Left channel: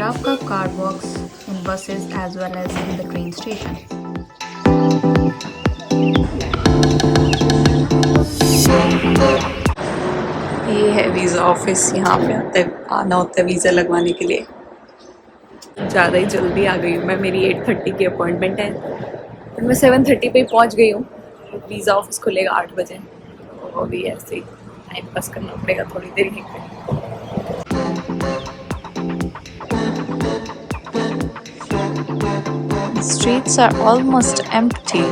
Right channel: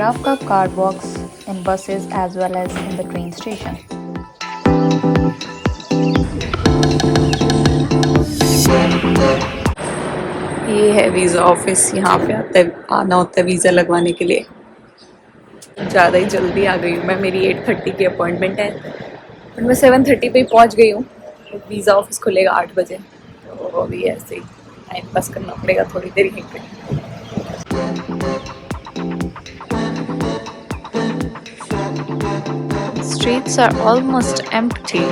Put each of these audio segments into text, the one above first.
rough cup card works in buses as well as in the train station. ये है visa office, यहाँ पे आना होता है वीज़ा लगवाने के लिए। ज़्यादा ही जल्दी आ गई हूँ मैं, मेरी 8:30 की अपॉइंटमेंट है और मैं 7:30 पे ही पहुँच गई हूँ। वीज़ा ऑफिस खुलेगा 8 बजे, तो अभी ऐसे ही टाइम पास करना पड़ेगा थोड़ी देर यहीं पे। The streets are almost empty.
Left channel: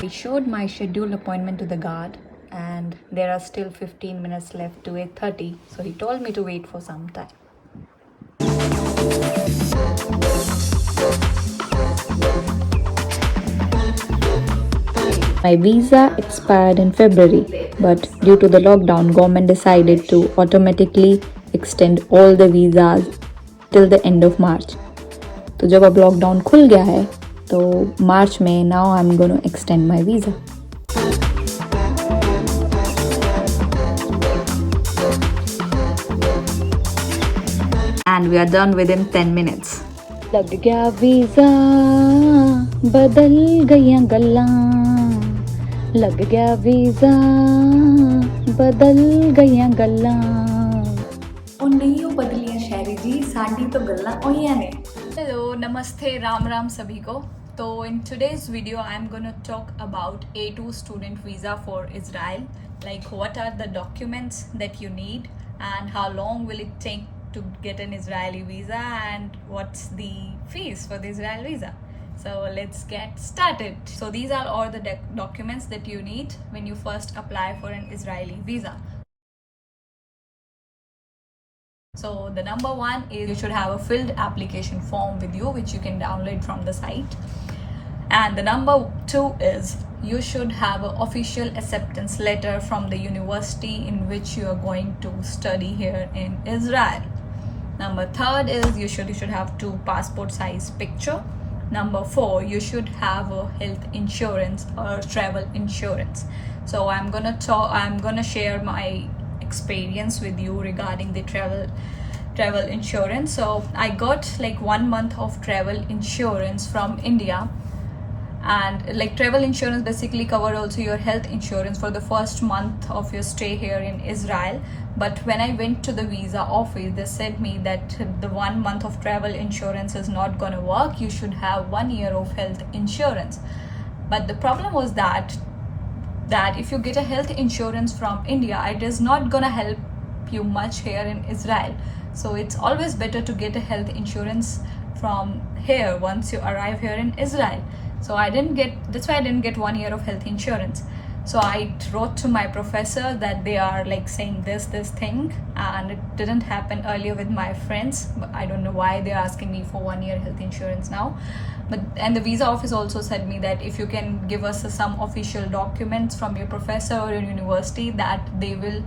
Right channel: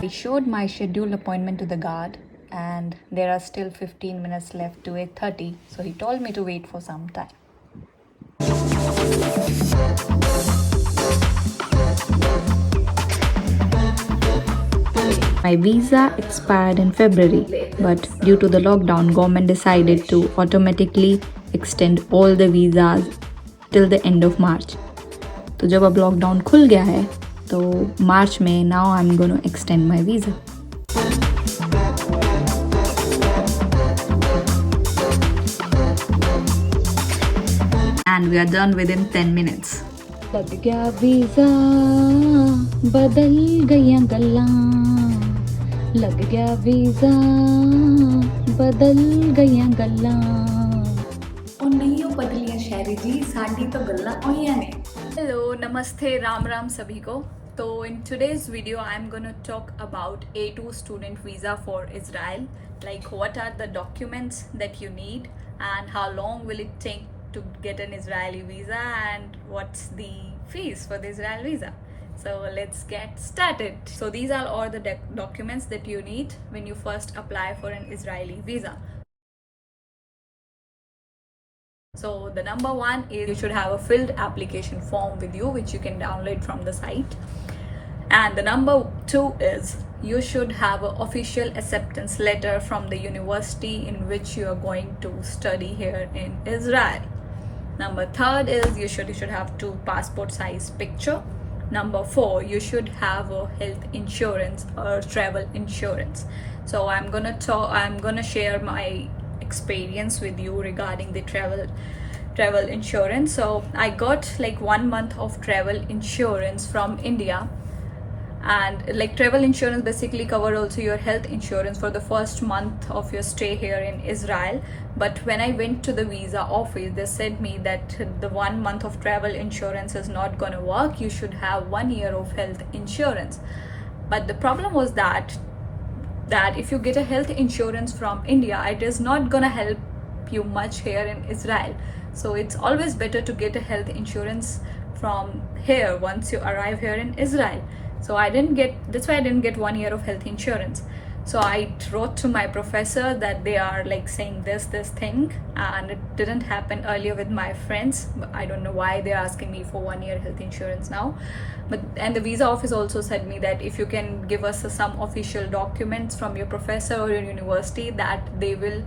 I showed my scheduled appointment to the guard and there are still 15 minutes left to 8:30, so he told me to wait for some time. My visa expired in February, but due to the lockdown, government decided to automatically extend all the visas till the end of March. तो जब अब lockdown खुल गया है तो मार्च में now I'm going to extend my visa. And we are done within 10 minutes. लग गया वीजा बदल गया गल्ला, लग गया वीजा बदल गया गल्ला। ਉਹ नहीं हो बदलियां शहरी जी, साड़ी तो गल्ला होइयां ने। हेलो, नमस्ते, राम राम सभी को। तो in today's video I am gonna talk about A2 student visa for Israel, like what are the documents that you need and how long will it take to get an Israeli visa and what's the fees for the Israel visa. So let's get started. So these are all the documents that you need when you first apply for an Israeli visa. So the number one is you should have a filled application form with you which you can download from the site. And the number two is you should have an official acceptance letter from the university in which you are going to study here in Israel. Number third is you should have 2 passport size picture. Number 4, you should have a health insurance or travel insurance. So I'm gonna share my experience with you regarding the travel insurance. So I got like 1 month of travel insurance from India, and like travel insurance basically cover also your health insurance for the first month of your stay here in Israel. But when I went to the visa office, they said me that the 1 month of travel insurance is not gonna work. You should have 1 year of health insurance. But the problem was that if you get a health insurance from India, it is not gonna help you much here in Israel. So it's always better to get a health insurance from here once you arrive here in Israel. So that's why I didn't get 1 year of health insurance. So I wrote to my professor that they are like saying this thing, and it didn't happen earlier with my friends. But I don't know why they're asking me for 1 year health insurance now. And the visa office also said me that if you can give us some official documents from your professor or your university, that they will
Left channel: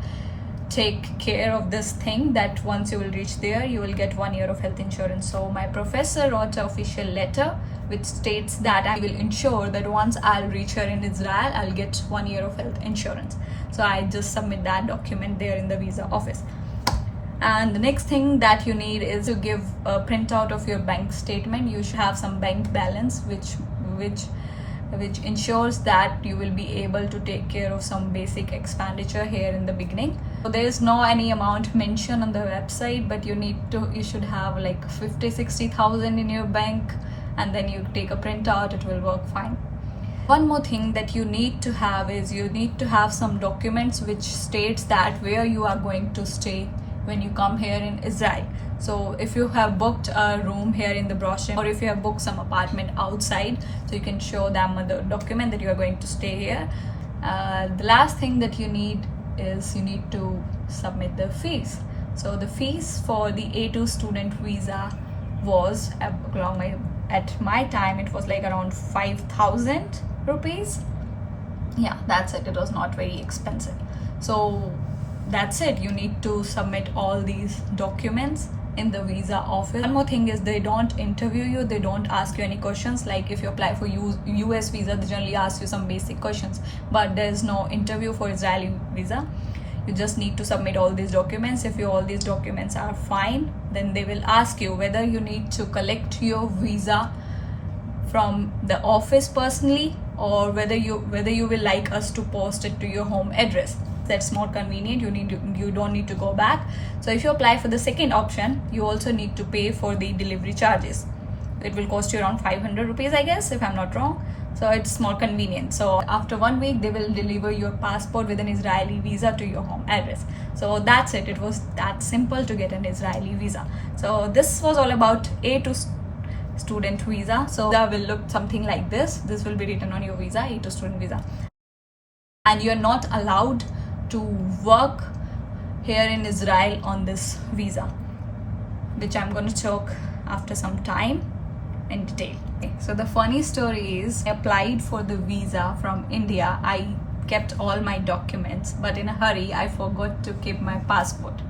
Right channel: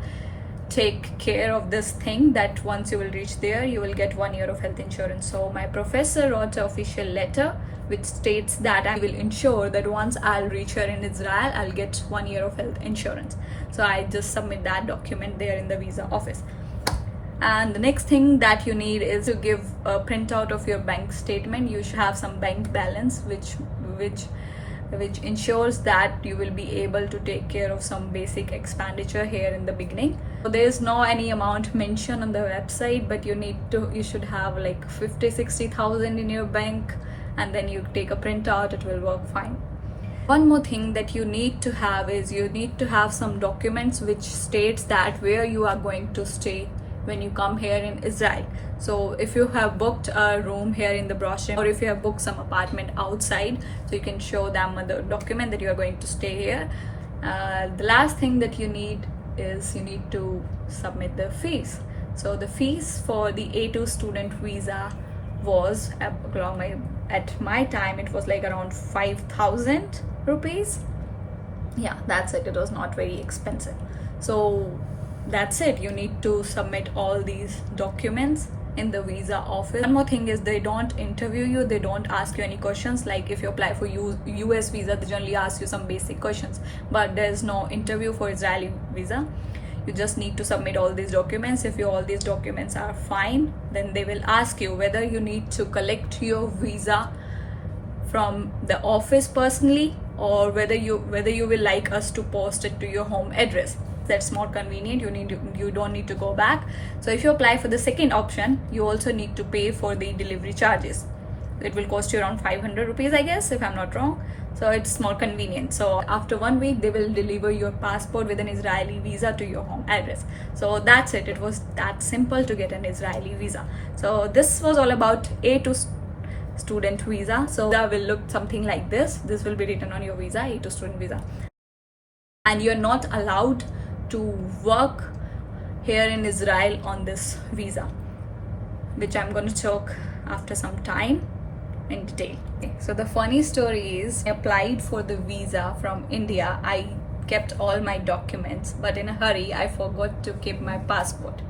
take care of this thing, that once you will reach there you will get 1 year of health insurance. So my professor wrote an official letter which states that I will ensure that once I'll reach here in Israel, I'll get 1 year of health insurance. So I just submit that document there in the visa office. And the next thing that you need is to give a printout of your bank statement. You should have some bank balance which ensures that you will be able to take care of some basic expenditure here in the beginning. So there is no any amount mentioned on the website, but you should have like 50,000-60,000 in your bank, and then you take a printout, it will work fine. One more thing that you need to have is you need to have some documents which states that where you are going to stay when you come here in Israel. So if you have booked a room here in the brochure, or if you have booked some apartment outside, so you can show them the document that you are going to stay here. The last thing that you need is you need to submit the fees. So the fees for the A2 student visa was at my time it was like around 5,000 rupees. Yeah, that's it. It was not very expensive. So that's it. You need to submit all these documents in the visa office. One more thing is they don't interview you, they don't ask you any questions. Like if you apply for US visa, they generally ask you some basic questions, but there's no interview for Israeli visa. You just need to submit all these documents. If all these documents are fine, then they will ask you whether you need to collect your visa from the office personally, or whether you will like us to post it to your home address. That's more convenient. You don't need to go back. So if you apply for the second option, you also need to pay for the delivery charges. It will cost you around 500 rupees, I guess, if I'm not wrong. So it's more convenient. So after 1 week, they will deliver your passport with an Israeli visa to your home address. So that's it. It was that simple to get an Israeli visa. So this was all about A2 student visa. So that will look something like this. This will be written on your visa, A2 student visa. And you're not allowed to work here in Israel on this visa, which I'm going to talk after some time in detail. Okay, so the funny story is, I applied for the visa from India. I kept all my documents, but in a hurry I forgot to keep my passport.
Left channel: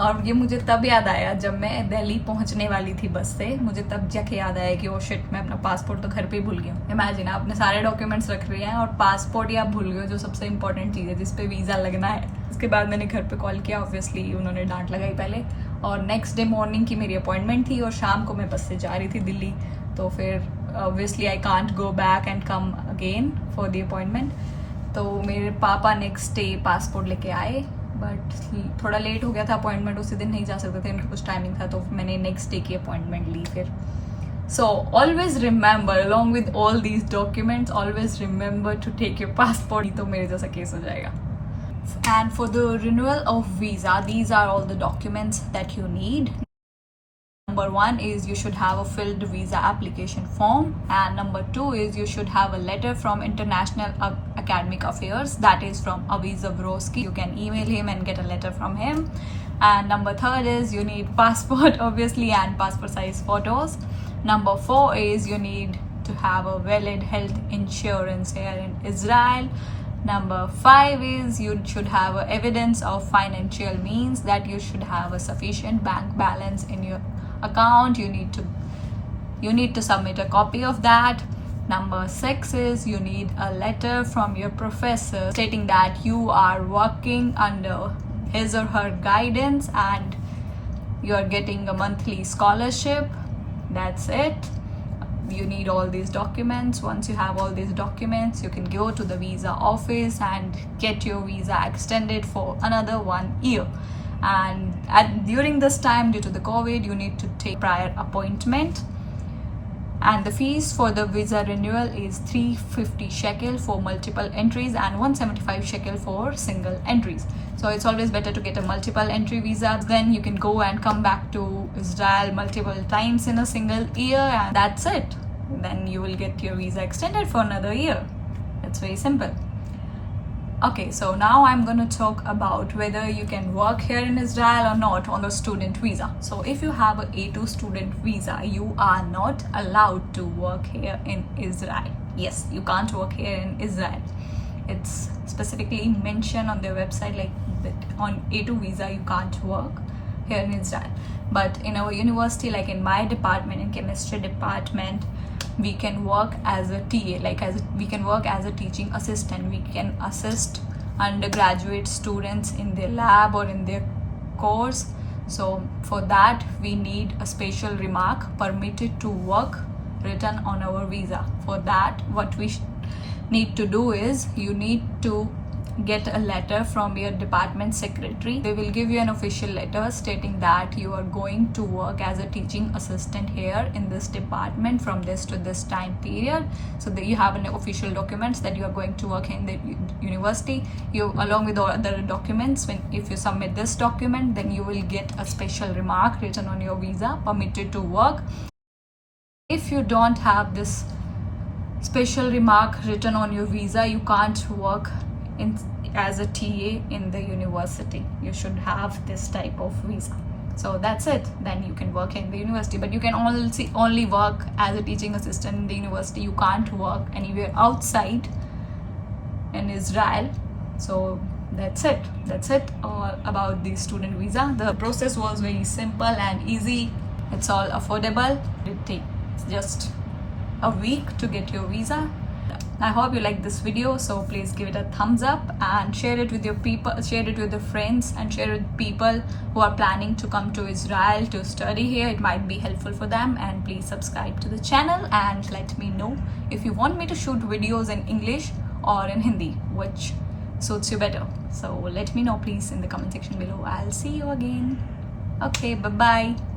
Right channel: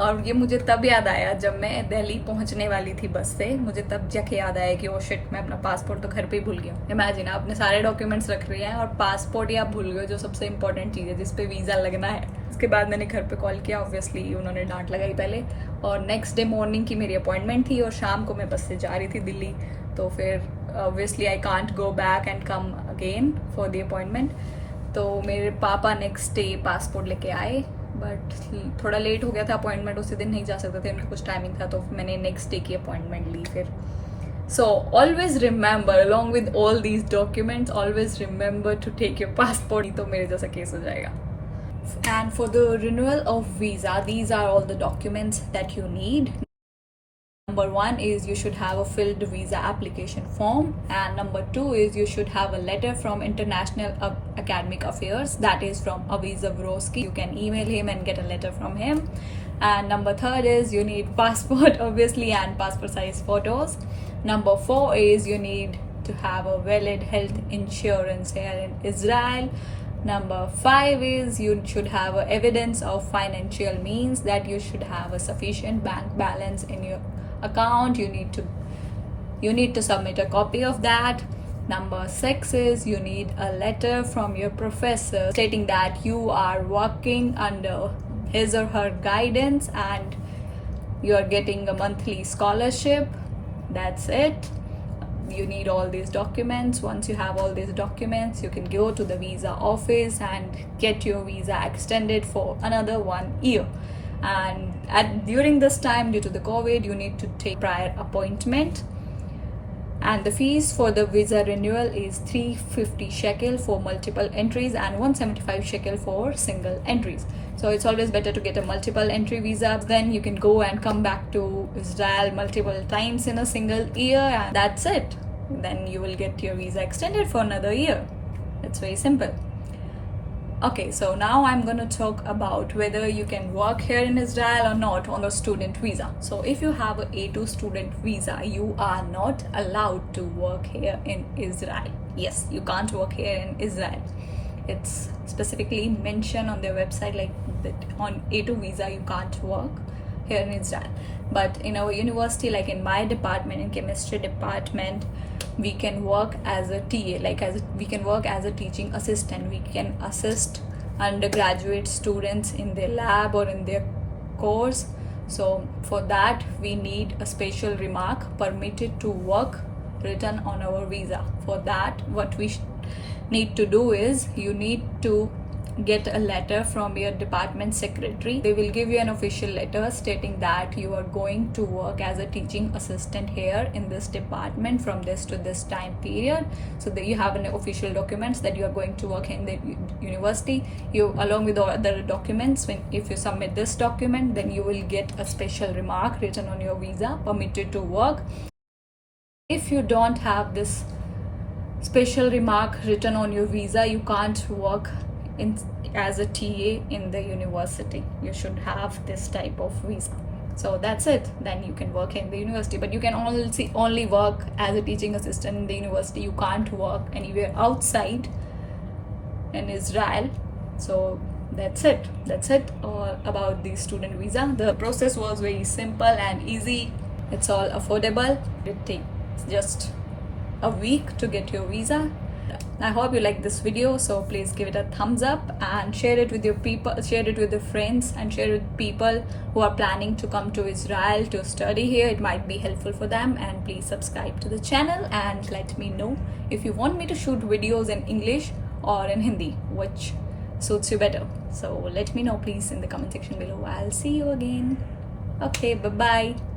और ये मुझे तब याद आया जब मैं दिल्ली पहुंचने वाली थी बस से. मुझे तब जाके याद आया कि ओ शिट, मैं अपना पासपोर्ट तो घर पे ही भूल गया. इमेजिन, आपने सारे डॉक्यूमेंट्स रख रहे हैं और पासपोर्ट ही आप भूल गए, जो सबसे इंपॉर्टेंट चीज़ है जिस पे वीज़ा लगना है. उसके बाद मैंने घर पे कॉल किया. ऑब्वियसली उन्होंने डांट लगाई पहले, और नेक्स्ट डे मॉर्निंग की मेरी अपॉइंटमेंट थी और शाम को मैं बस से जा रही थी दिल्ली. तो फिर obviously I can't go back and come again for the appointment. तो मेरे पापा नेक्स्ट डे पासपोर्ट लेके आए, बट थोड़ा लेट हो गया था. अपॉइंटमेंट उसी दिन नहीं जा सकते थे, उनका कुछ टाइमिंग था, तो मैंने नेक्स्ट डे की अपॉइंटमेंट ली फिर. So always remember, along with all these documents, always remember to take your passport. तो मेरे जैसा केस हो जाएगा. And for the renewal of visa, these are all the documents that you need. Number 1 is you should have a filled visa application form, and number 2 is you should have a letter from International Academic Affairs, that is from Aviv Zabrowski. You can email him and get a letter from him. And number 3 is you need passport obviously, and passport size photos. Number 4 is you need to have a valid health insurance here in Israel. Number 5 is you should have evidence of financial means, that you should have a sufficient bank balance in your account. You need to submit a copy of that. Number 6 is you need a letter from your professor stating that you are working under his or her guidance and you are getting a monthly scholarship. That's it. You need all these documents. Once you have all these documents, you can go to the visa office and get your visa extended for another 1 year. And during this time, due to the COVID, you need to take prior appointment. And the fees for the visa renewal is 350 shekel for multiple entries and 175 shekel for single entries. So it's always better to get a multiple entry visa. Then you can go and come back to Israel multiple times in a single year, and that's it. Then you will get your visa extended for another year. It's very simple. Okay, so now I'm going to talk about whether you can work here in Israel or not on a student visa. So if you have an A2 student visa, you are not allowed to work here in Israel. Yes, you can't work here in Israel. It's specifically mentioned on their website like that on A2 visa you can't work here in Israel. But in our university, like in my department, in chemistry department, we can work as a TA, we can work as a teaching assistant. We can assist undergraduate students in their lab or in their course. So for that we need a special remark, permitted to work, written on our visa. For that, what we need to do is you need to get a letter from your department secretary. They will give you an official letter stating that you are going to work as a teaching assistant here in this department from this to this time period. So that you have an official documents that you are going to work in the university. You, along with all other documents, if you submit this document, then you will get a special remark written on your visa, permitted to work. If you don't have this special remark written on your visa, you can't work as a TA in the university. You should have this type of visa. So that's it. Then you can work in the university, but you can only work as a teaching assistant in the university. You can't work anywhere outside in Israel. So that's it all about the student visa. The process was very simple and easy. It's all affordable. It takes just a week to get your visa. I hope you like this video, so please give it a thumbs up and share it with your people, share it with your friends, and share it with people who are planning to come to Israel to study here. It might be helpful for them. And please subscribe to the channel and let me know if you want me to shoot videos in English or in Hindi, which suits you better. So let me know please in the comment section below. I'll see you again. Okay, bye bye.